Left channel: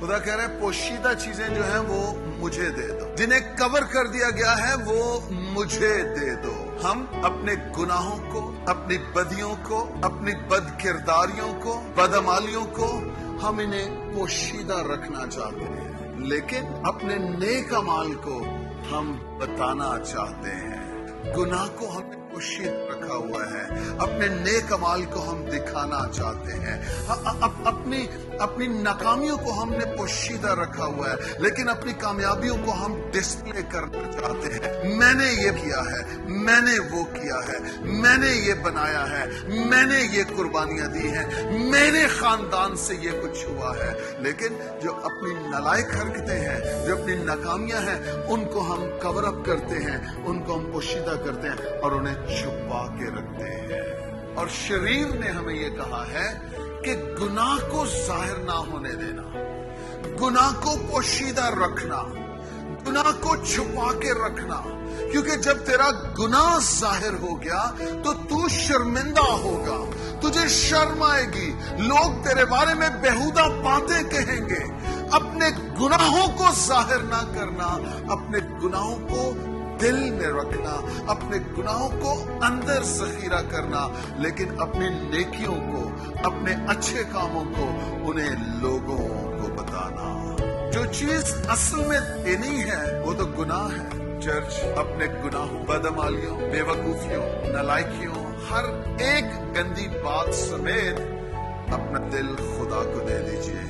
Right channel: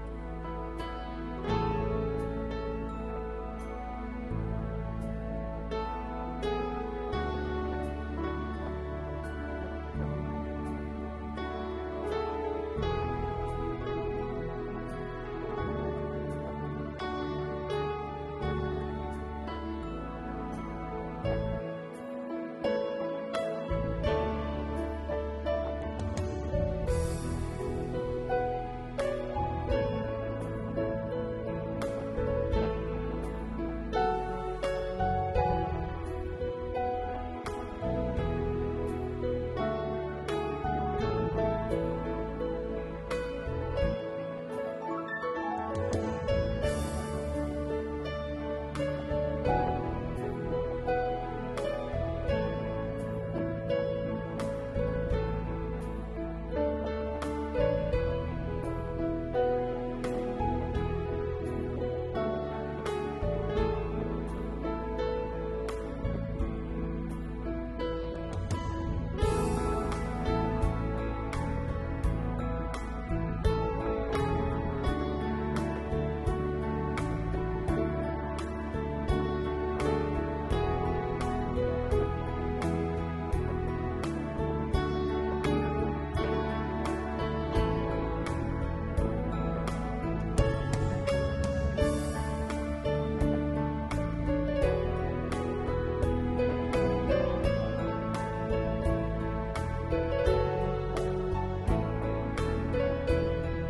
खुदा कह रहा है पोशीदा चीजें जो हैं वो मुझे दे दो, जिन्हें कवर कर दिया गया है वो मुझे दे दो। हम अपने गुनाहों को, अपनी बदियों को, अपनी बदकिरदारियों को, बदअमालियों को हम इन्हें पोशीदा रखना चाहते हैं, लेकिन अपने नेक अमाल को हम बताना चाहते हैं। गुनाह को हम पोशीदा रखा हुआ है, अपने नेक अमाल को हम दिखाना चाहते हैं, अपनी नाकामियों को हमने पोशीदा रखा हुआ है, लेकिन अपनी कामयाबियों को हम डिस्प्ले करना चाहते हैं। मैंने ये किया है, मैंने वो किया है, मैंने ये बनाया है, मैंने ये कुर्बानियां दी हैं, मेरे खानदान से ये कुछ हुआ है। लेकिन जो अपनी नालायक हरकतें हैं, जो अपनी नाकामियां हैं, उनको हम कवर अप करते हैं, उनको हम पोशीदा करते हैं और उन्हें छुपा के रखते हैं। और शरीर ने हमें ये कहा है कि गुनाह को जाहिर ना होने देना, गुनाह को पोशीदा रखना, गुनाह को छुपा के रखना, क्योंकि जब तेरा गुनाह जाहिर हो गया तो तू शर्मिंदा होगा, तुझे शर्म आएगी, लोग तेरे बारे में बेहुदा बातें कहेंगे। अपने गुनाहों को जाहिर ना करना, अपने गुनाहों को दिल में रखना, अपने गुनाहों को अंदर ज़ख़ीरा करना, लेकिन अपनी नेकियों को, अपने अच्छे कामों को उन्हें लोगों को बताना। जो चीज असल में देनी है वो तो गुनाह है। चर्च अपने गुनाहों, बदअमालियों, बेवकूफियों, नालायकियों, हर एक गंदी बात समेत अपना दिल खुदा को दे दीजिए,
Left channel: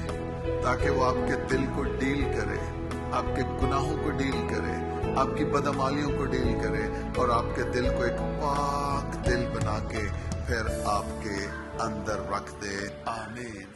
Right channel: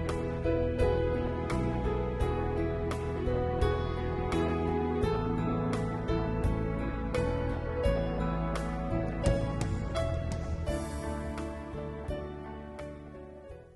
ताकि वो आपके दिल को डील करे, आपके गुनाहों को डील करे, आपकी बदअमालियों को डील करे और आपके दिल को एक पाक दिल बना के फिर आपके अंदर रख दे। आमीन।